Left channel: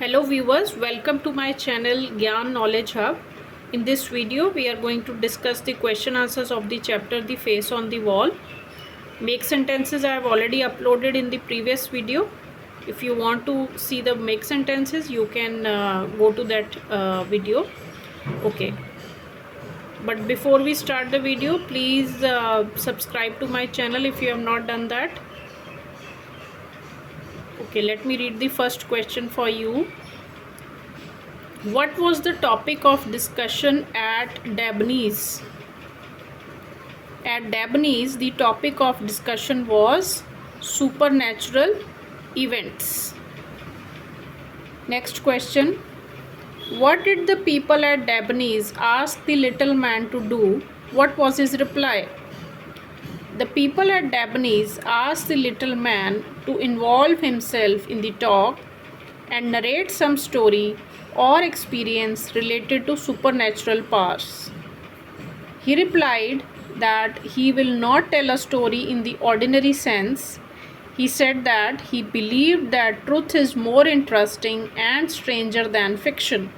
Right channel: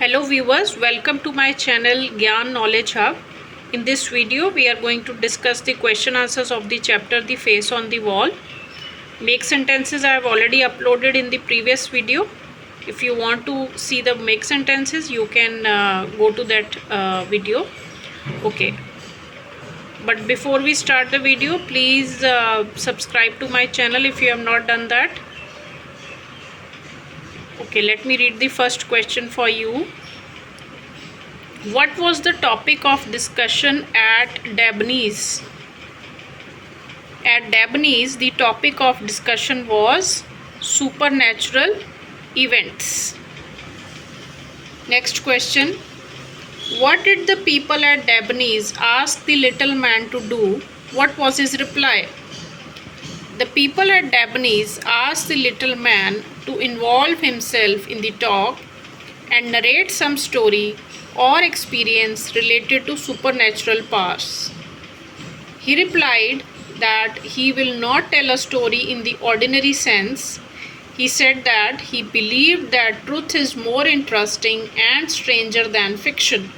Hello viewers, welcome to my channel Gyan Knowledge Hub. In this video we are going to discuss the question answers of the chapter The Face on the Wall. Make sentences I have already uploaded in the previous video. If you want to see the make sentences, you can go to that video. Okay, but before we start the video, please subscribe to my channel if you have not done that. Okay, let me read the first question for you. What was the topic of discussion at Dabney's? At Dabney's, the topic of discussion was supernatural events. Next question. What did the people at Dabney's ask the little man to do? What was his reply? The people at Dabney's asked the little man to involve himself in the talk and narrate some story or experience related to supernatural powers. He replied that he will not tell a story in the ordinary sense. He said that he believed that truth is more interesting and stranger than fiction.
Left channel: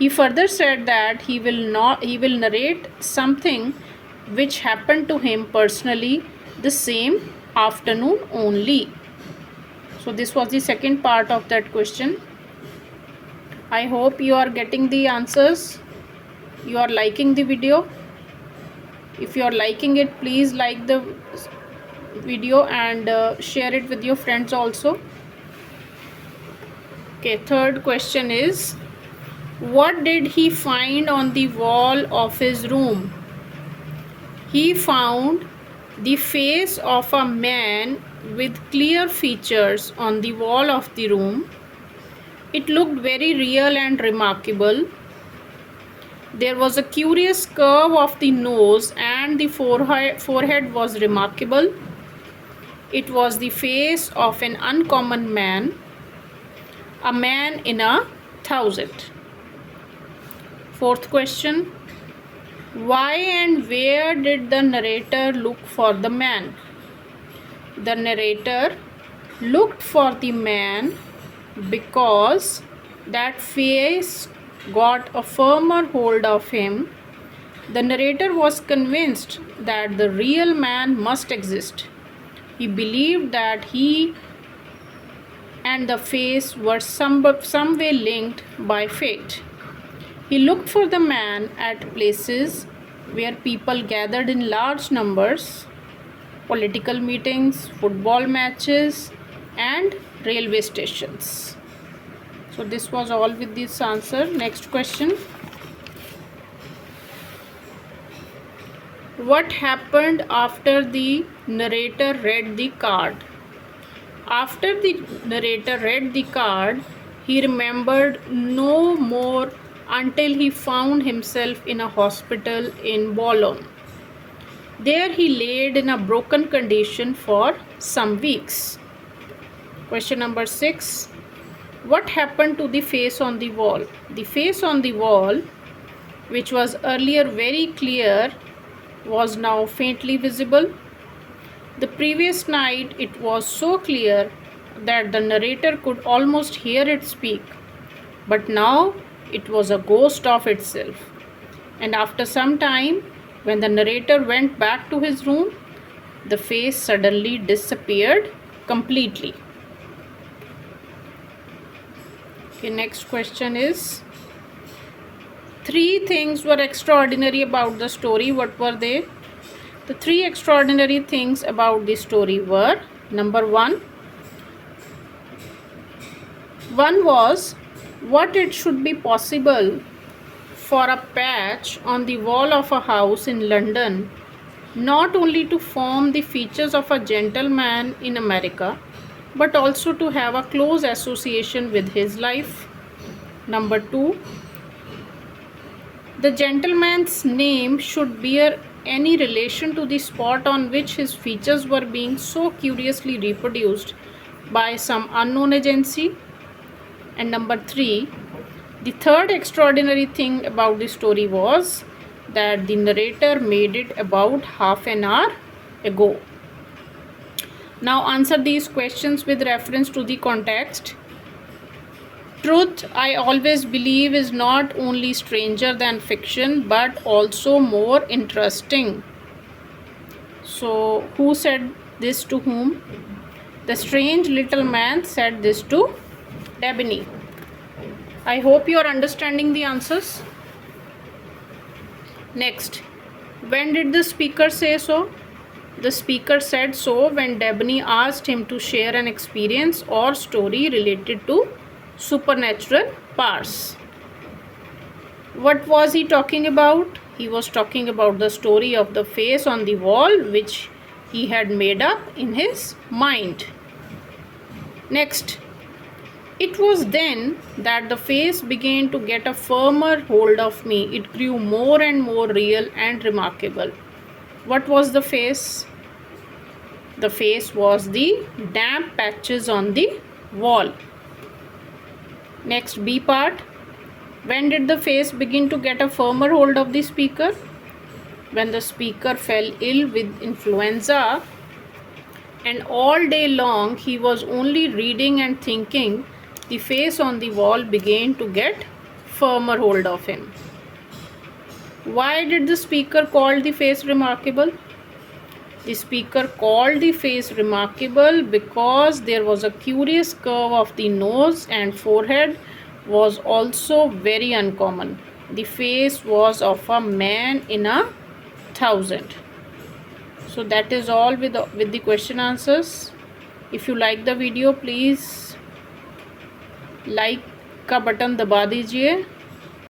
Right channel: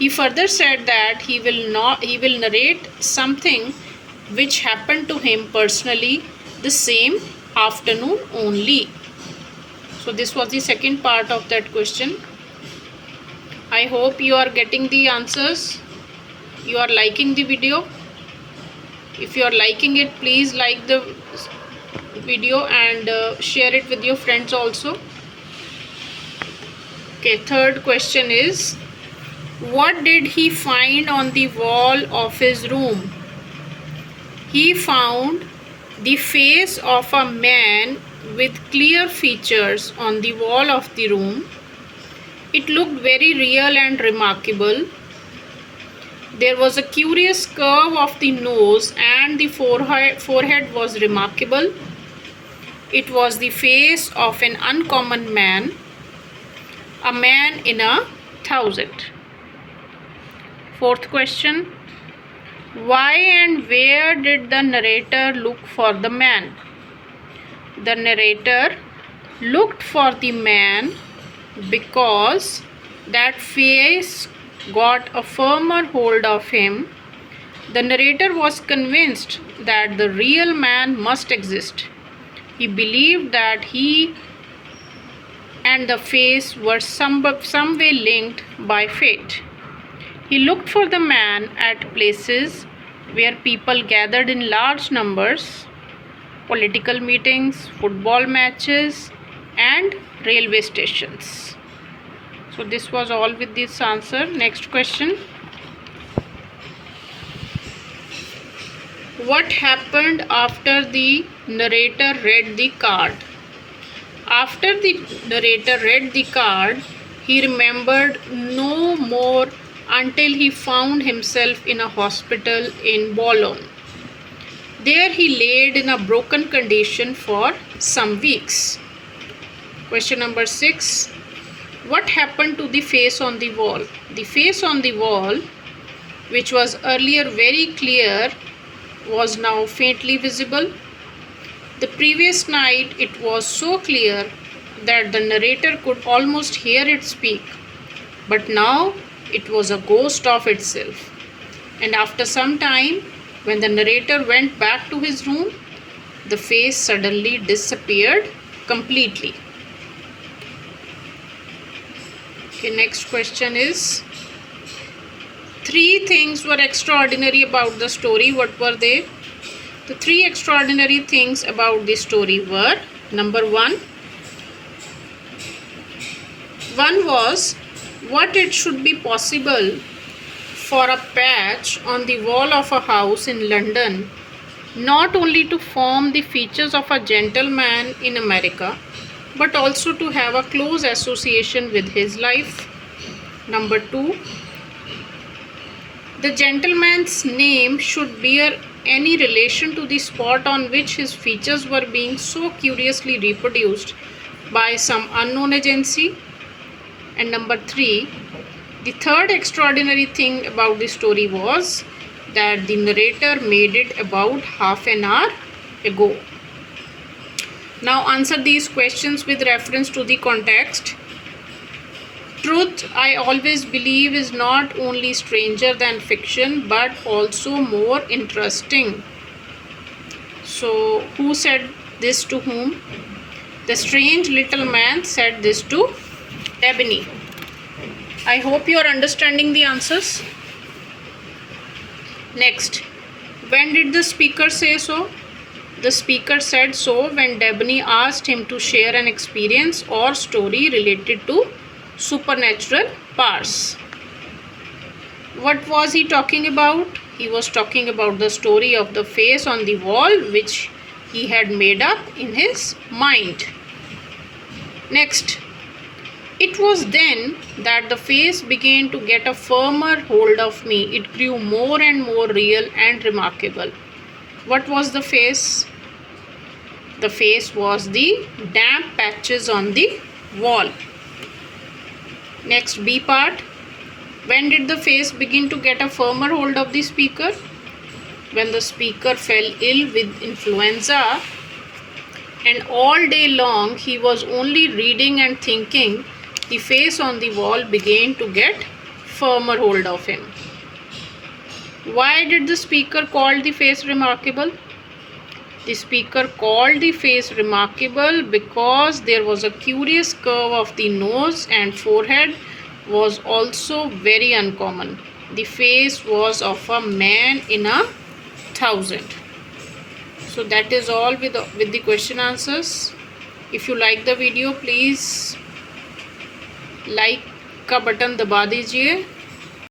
He further said that he will narrate something which happened to him personally the same afternoon only. So this was the second part of that question. I hope you are getting the answers. You are liking the video. If you are liking it, please like the video and share it with your friends also. Okay, third question is, what did he find on the wall of his room? He found the face of a man with clear features on the wall of the room. It looked very real and remarkable. There was a curious curve of the nose and the forehead was remarkable. It was the face of an uncommon man, a man in 1,000. Fourth question. Why and where did the narrator look for the man? The narrator looked for the man because that face got a firmer hold of him. The narrator was convinced that the real man must exist. He believed that he and the face were some way linked by fate. He looked for the man at places where people gathered in large numbers, political meetings, football matches, and railway stations. So this was all with this answer. Next question. What happened after the narrator read the card? After the narrator read the card, he remembered no more until he found himself in a hospital in Boulogne. There he laid in a broken condition for some weeks. Question number 6. What happened to the face on the wall? The face on the wall, which was earlier very clear, was now faintly visible. The previous night it was so clear that the narrator could almost hear it speak, but now it was a ghost of itself. And after some time, when the narrator went back to his room, the face suddenly disappeared completely. Okay, next question is, 3 things were extraordinary about the story. What were they? The 3 extraordinary things about the story were, number 1 was what it should be possible for a patch on the wall of a house in London not only to form the features of a gentleman in America, but also to have a close association with his life. Number 2, the gentleman's name should bear any relation to the spot on which his features were being so curiously reproduced by some unknown agency. And number 3, the third extraordinary thing about the story was that the narrator made it about half an hour ago. Now answer these questions with reference to the context. Truth, I always believe, is not only stranger than fiction but also more interesting. So, who said this to whom? The strange little man said this to Dabney. I hope you are understanding the answers. Next, when did the speaker say so? The speaker said so when Dabney asked him to share an experience or story related to supernatural powers. What was he talking about? He was talking about the story of the face on the wall which he had made up in his mind. Next, it was then that the face began to get a firmer hold of me. It grew more and more real and remarkable. What was the face? The face was the damp patches on the wall. Next, B part. When did the face begin to get a firmer hold of the speaker? When the speaker fell ill with influenza and all day long he was only reading and thinking, the face on the wall began to get firmer hold of him. Why did the speaker call the face remarkable? The speaker called the face remarkable because there was a curious curve of the nose and forehead was also very uncommon. The face was of a man in 1,000. So that is all with the question answers. If you like the video, please like का button दबा दीजिए